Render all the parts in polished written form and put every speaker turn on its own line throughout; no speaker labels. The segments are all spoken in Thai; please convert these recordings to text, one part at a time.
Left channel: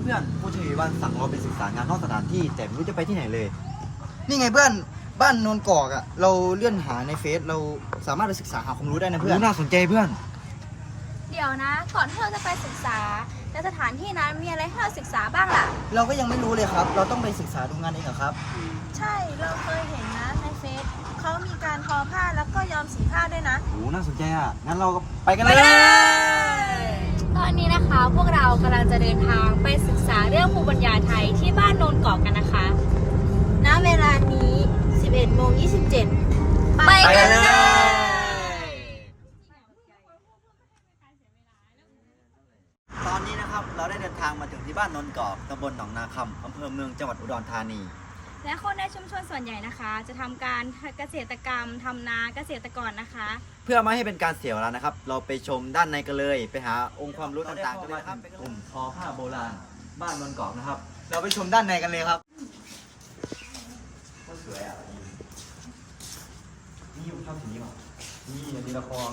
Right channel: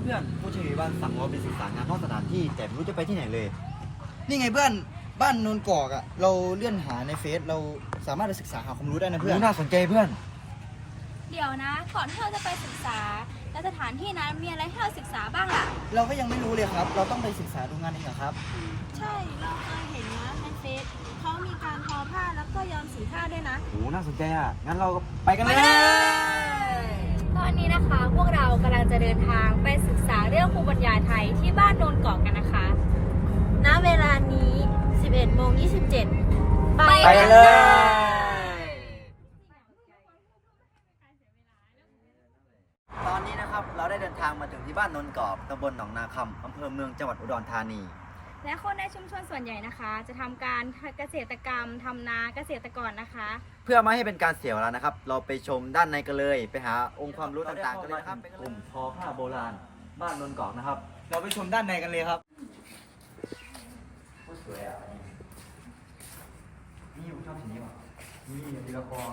พื่อนผู้ช่วยวันสั่งเราไปศึกษางานนอกสถานที่แต่ไม่รู้จะไปที่ไหนเลย
นี่ไงเพื่อนบ้านโนนกอกอ่ะเราเลื่อนหาในเฟซเราสามารถไปศึกษาหาความรู้ได้นะเพื่อน
น่าสนใจเพื่อน
เดี๋ยวนะ ก่อนที่เราจะไปศึกษาในสถานที่นั้นมีอะไรให้เราศึกษาบ้างล่ะ
เราก็ยังไม่รู้เลยครับ เราต้องไปศึกษาดูงานเองเหรอครับ
ใช่ เราเคยเห็นนะในเฟซเขามีการทอผ้าแล้วก็ย้อมสีผ้าด้วยนะ
โอ้น่าสนใจอ่ะ งั้นเราก็ไปกันเลย
ตอนนี้นะคะพวกเรากำลังจะเดินทางไปศึกษาเรื่องภูมิปัญญาไทยที่บ้านโนนเกาะกันนะคะ
ณ เวลานี้ 11:27
ไปกันเลย
ตอนนี้นะครับเราได้เดินทางมาถึงที่บ้านนนกอบตำบลหนองนาคำอำเภอเมืองจังหวัดอุดรธานี
และคนในชุมชนส่วนใหญ่นะคะ จะทำการเกษตรกรรมทำนาเกษตรกรนะคะ
เพื่อไม่ให้เป็นการเสียเวลานะครับ เราไปชมด้านในกันเลย ไปหาองค์ความรู้ต่างๆกันเลยครับกลุ่มทอผ้าโบราณ บ้านนนกอกนะครับ
เราไปชมด้านในกันเลยครับ
สวยอ่ะนี่อยู่ชอบสีนี้ป่ะนี่เป็นละคร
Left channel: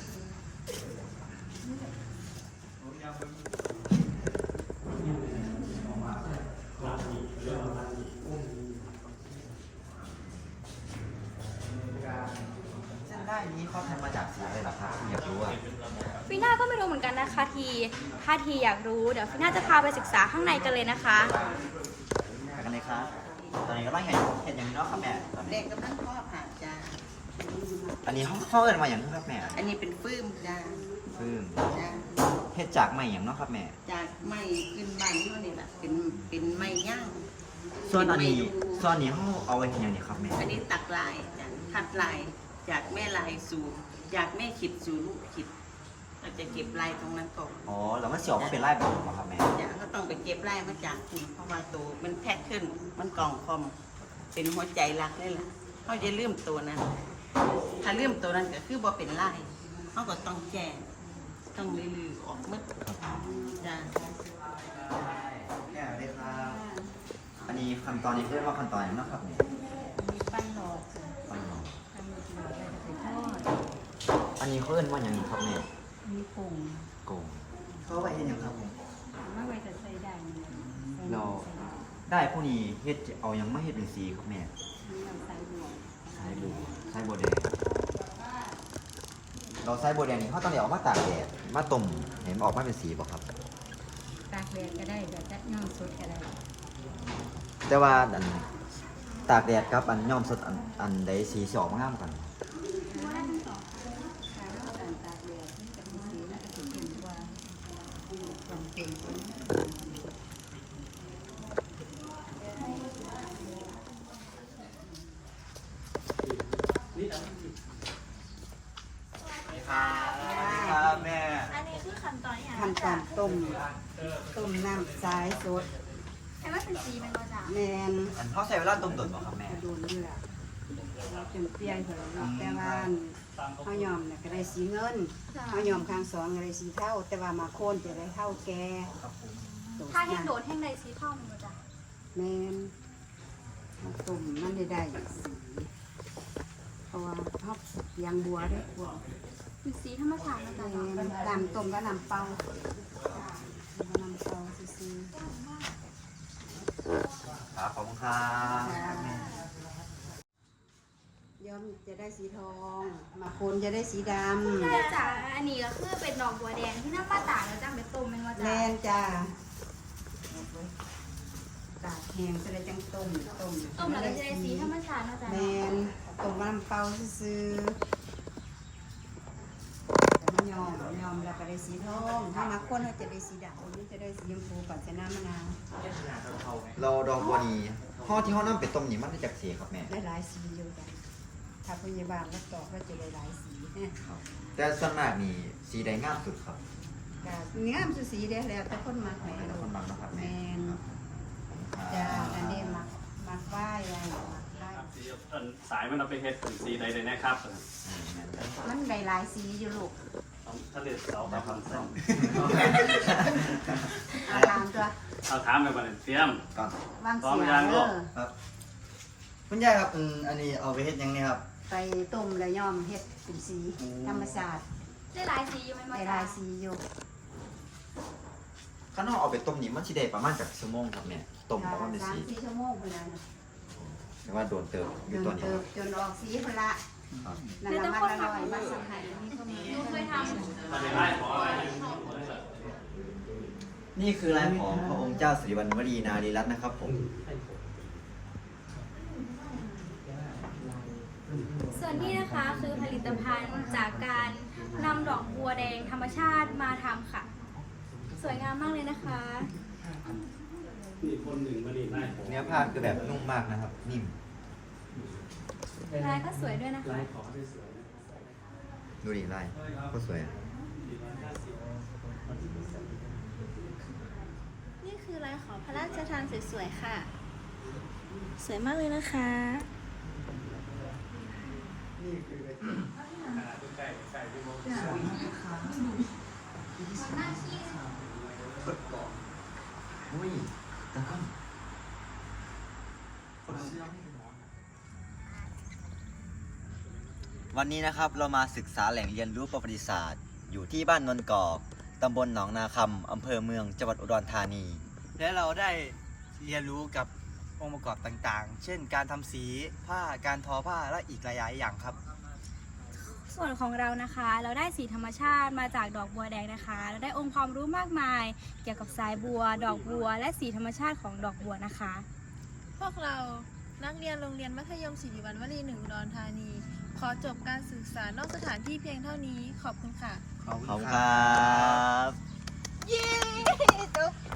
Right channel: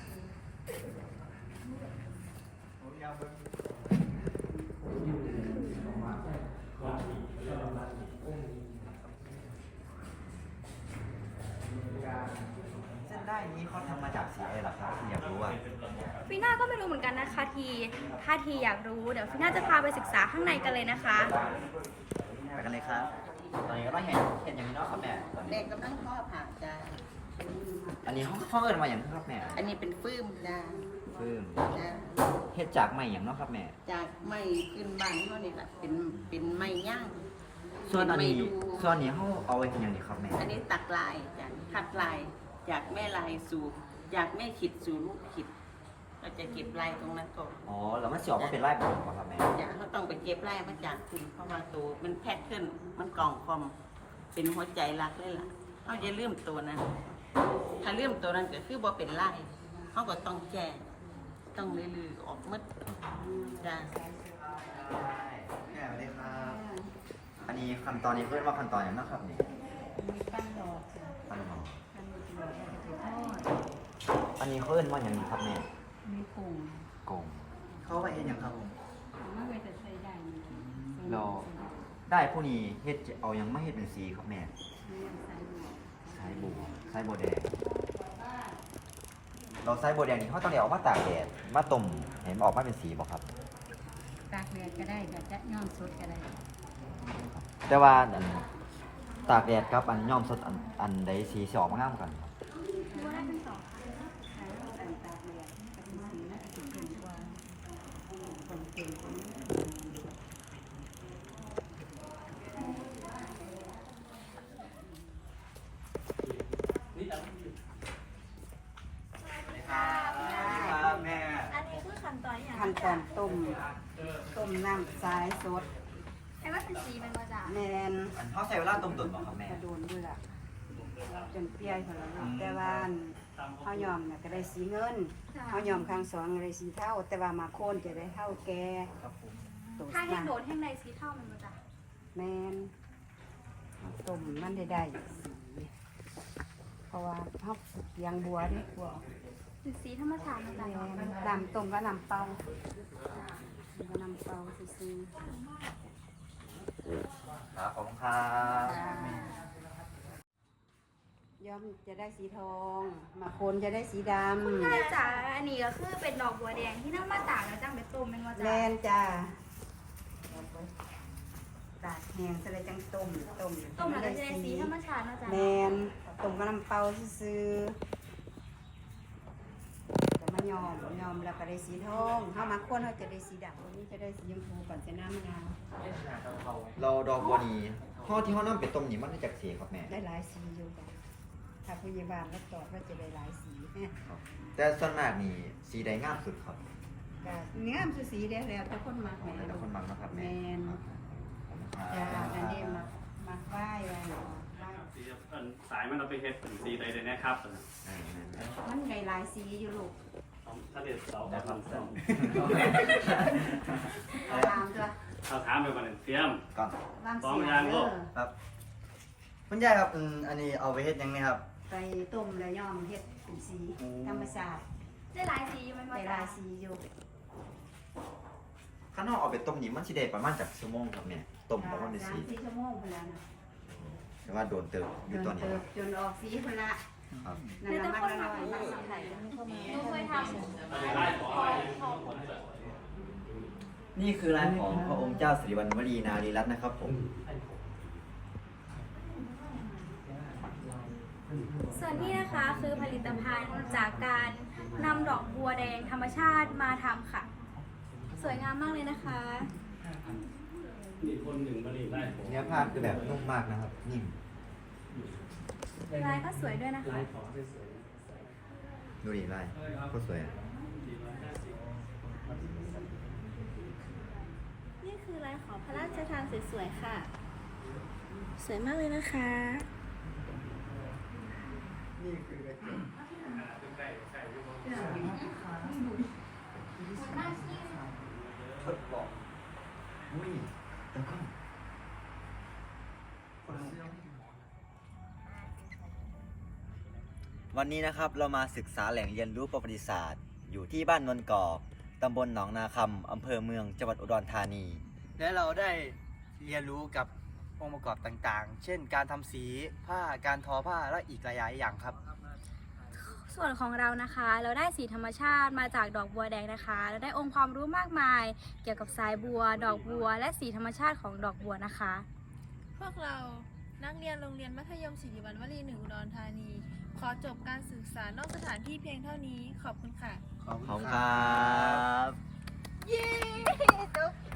เส้นได้นี้เขาทำมาจากสีอะไรล่ะครับอยากรู้อ่ะ
ฟีน่าก็ไม่รู้เหมือนกันนะคะถ้าทีอยากรู้เดี๋ยวฟีน่าจะพาไปศึกษาข้างในกันเลยนะคะ
ไปกันเลยครับ ตอนนี้ก็ต้องเห็นอย่างนี้เนาะครับแม่
เด็กกำลังพ่อผ่าจ้า
อันนี้เขาเอิ้นมาอย่างนี้ครับแม่
อันนี้เป็นฟืมจ้า
ฟืม
จ้า
เฮ็ดจากไม้อย่างเนาะครับแม่
จากไม้ขึ้นบ้านเขานี่แหละเป็นไม้ย่าง
ส่วนอันนี้
เป็นไม้ดู
ส่วนอันนี้เขาเอาไว้ที่อย่างนี้ครับแม่
อันนี้ตักลายจ้ะคัดลายจากแม่ลายสู่จากแม่ขิดสู่ลูกขิดเราจะเก็บลายตรงนั้นก่อน
อ๋อแล้วมันเสียออกมาเป็นไร่แบบนี้ครับแม่
จ้ะเขาต้องไปเก็บลายมาจากคุณเพราะว่าตัวมันแพ็คขึ้นมันกล่องคอมเป็นหัวใจรักเลยล่ะเขาจะเลื่อมตัวนั้น ถ้าเลื่อมตัวนั้นก็คือบ่เป็นลายเขาก็ต้องแก้ต้องลือๆออกหมดจ้ะ
แม่สวัสดีครับ อันนี้ขั้นตอนนี้เรียกว่าขั้นตอนอย่างเนาะครับเนี่ย
ปั้นหลอก
ปั้นหนอ
ทำหลอกแล้วจะไปทอด
อันนี้เพิ่นว่าอย่างนี้ครับแม่
มีปุ่ง
โกงเขาไว้เฮ็ดหยังครับผม
ไม่ไว้จะใส่ได้มัน
เราได้ผู้นี้เฮ็ดเอาหยังมาเฮ็ดเป็นสีครับแม่
ใส่หลอก
สายบัวแดงเราสายบัวแดงนี่เขาต้องเอามาตากแดดมาต้มเห็นออกมาเป็นสีบ่ครับ
ตากแดดก็ได้แบบจะย่อมสดก็ได้
แต่ว่าอันตากแดดครับอันย้อมสดอันใดสีสิออกมางามกัน
ถ้าเราแต่งตากแดดจะเป็นสีน่าจะเป็นกว่าความเค็ม
ครับแม่
อันนี้คือขั้นตอนอย่าง
ขั้นตอนต้มน้ำสายสด
แค่ว่าเป็นสีเป็นมาจาก
แมน
อันเขาใช้เวลาต้มตุ๋นบ่ครับแม่
โดนด้วยล่ะจนเปรี้ยวเลยแต่ว่าข้าวยอมเนี่ยก็ได้สีเงินข้าวยอมข้างสองก็ได้สีเท่า แต่ว่ามาโค่นจะได้เท่าแก
ถ้าแห้งโดดแห้งใดสีเท่ามันมาจาก
แมนต้มนั่นได้สีเพราะว่าเขายางบัวด้วยบัว
เป็นสีธรรมชาติมาจาก
แมนน้ำต้มก็น้ำเปล่าก็น้ำเปล่าซื้อ
ครับขอบคุณครับ
ย้อมจะได้สีทอง มาโคนจะได้สีดำ
ใช่จ้ะอันนี้ก็คือเป็นดอกบัวแดงที่น้ำมาตากแล้วจ้างเป็นต้มเป็นมา
แม
จาก
นจ้าตากแห้งจะได้จังต้ม
ต้มแล้วก็จะได้สีธรรมชาติมาจาก
แมนต้มกับน้ำเปล่าซื้อแต่มันยอมแล้วก็ได้สีทองถ้ามาโคนเขาจะได้สีดำอันนี้จะได้สีชมพูก่อนจะน้ำมะนาว
เราดอกบัวนี้ห่อที่ห่อน้ำเป็ดต้มนี่มันได้จากสีครับแม่
ได้หลายสีอยู่จ้ะถ้าพยาบาลแล้วต่อก็จะได้หลายสี
แต่ส่วนมากนี่สีใดงามสุดครับ
แต่เนื้อมันสีได้แล้วแต่คนมัก
แล้วแต่คนบางเนาะครับแม่ครับขอบคุณครับ
จ้าอันนี้มักไหว้อะไรมักไหว้
สีสายมันเอาไปเฮ็ดเป็นสีใดๆนะครับ
แม่น
มันได้หลายสีอยู่ลูก
ถ้าเรียกเสา
แล้วครับ
ครับ
เอาวางตัว
เอาถามไปบ่เลยเตรียม
ก่อน
วาง
พร้อ
เสี
ม
ย
ยัง
เอ
ลูก
อ
ครับคุณยายครับอันนี้เอาไปเฮ็ดหยังนี่ครับ
ไปต้มแล้วย่อมเฮ็ดเป็นสีธรรมชาติ
ได้หลายสีอยู่ไหมมา
ได้ห
จา
ลาก ยสีอยู่
ข้างนอกเอาไปต้มนี่มันสิได้ประมาณจากชั่วโมงครับแม่ต้มประมาณได้สี
3-4 ชั่วโมงพุ่นละ
แต่ว่าโดนเติมอ
จ
ยู่
น
ตัวนี้
เติบจนออกสีพุ่นละ
ครับ
นั่นล่ะมันอร่อยมาก
นี่คือลายของพระองค์เจ้าสิริวัณวรีนารีรัตน์นะครับผม
ส่วนนี้นะคะคือผลิตภัณฑ์จากการนำดอกบัวแดงธรรมชาติมาทำค่ะ สวยงามมากเลยนะคะ
มีคนหนึ่งมาดีไล่ผม
เนื้อผ้าคือแบบนุ่มมากนะครับ นิ่ม
ลายก็สวยด้วยนะคะ
ดูดิลายก็สวยอะ
นี่คือลายของพระราชทานสวยๆค่ะ สวยมากเลยนะคะ
อุ้ยแต่ก็วันนี้นะครับเรามาศึกษาแหล่งเรียนรู้ประวัติศาสตร์ อยู่ที่บ้านนนกอกตำบลหนองนาคำอำเภอเมืองจังหวัดอุดรธานี
และเราได้เรียนรู้กับองค์ประกอบต่างๆ เช่นการทำสีผ้าการทอผ้าและอีกหลายๆอย่างครับ
ส่วนของเรานะคะ เราได้สีธรรมชาติมาจากดอกบัวแดงนะคะ เราได้องค์ความรู้มากมาย เกี่ยวกับสายบัว ดอกบัว และสีธรรมชาติของดอกบัวนะคะ
พวกเรานักเรียนโรงเรียนมัธยมศิริวัณวรี1 อุดรธานี ขอจบการศึกษานอกสถานที่เพียงเท่านี้ ขอบคุณค่ะ
ขอบคุณครับ
เย้จบ